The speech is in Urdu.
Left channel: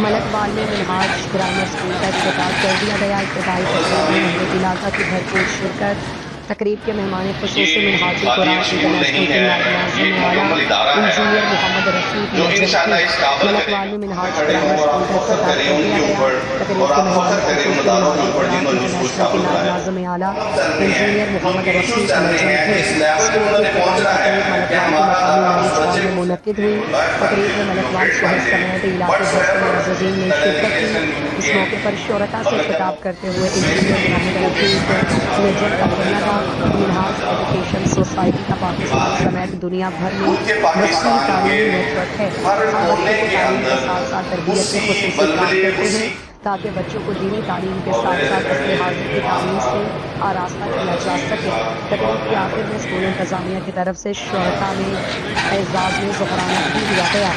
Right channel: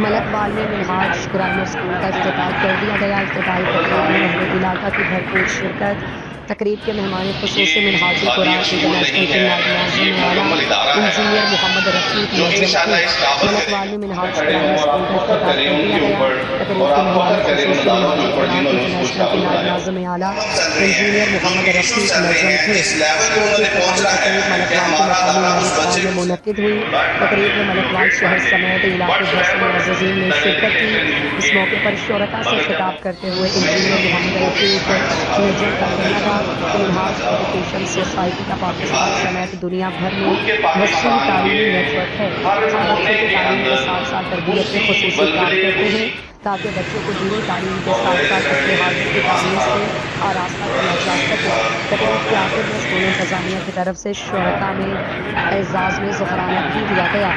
ملکوال میں منہاج گرامر اسکول کا افتتاح کر دیا گیا۔ ابتدائی تقریب میں اہل علاقہ کی بھرپور شرکت۔ تقریب کے مہمان خصوص منہاج القرآن انٹرنیشنل کے نائب ناظم اعلیٰ انجینئر محمد رفیق نجم تھے۔ ملکوال میں منہاج گرامر اسکول کا افتتاح کر دیا گیا۔ تقریب کے مہمان خصوص منہاج القرآن انٹرنیشنل کے نائب ناظم اعلیٰ انجینئر محمد رفیق نجم تھے۔ اسکول کی افتتاحی تقریب ملکوال کے مقامی میرج ہال میں منعقد ہوئی۔ تقریب میں ملکوال شہر سمیت علاقے بھر سے معززین نے شرکت کی۔ اس موقع پر شرکاء سے خطاب کرتے ہوئے انجینئر محمد رفیق نجم کا کہنا تھا کہ منہاج ایجوکیشن سوسائٹی کا پاکستان سمیت دنیا بھر میں وسیع تعلیمی نیٹ ورک ہے۔ ہم بچوں کی تعلیم کے ساتھ ساتھ تربیت میں خصوصی کام کرتے ہیں تاکہ بچوں کو دینی تعلیم کے ساتھ ساتھ اصل حاضر کی تعلیم سے آراستہ کیا جا سکے۔ تقریب کے آخر میں اسکول انتظامیہ کی طرف سے شرکاء میں اعزاز میں ظہرانہ بھی دیا گیا۔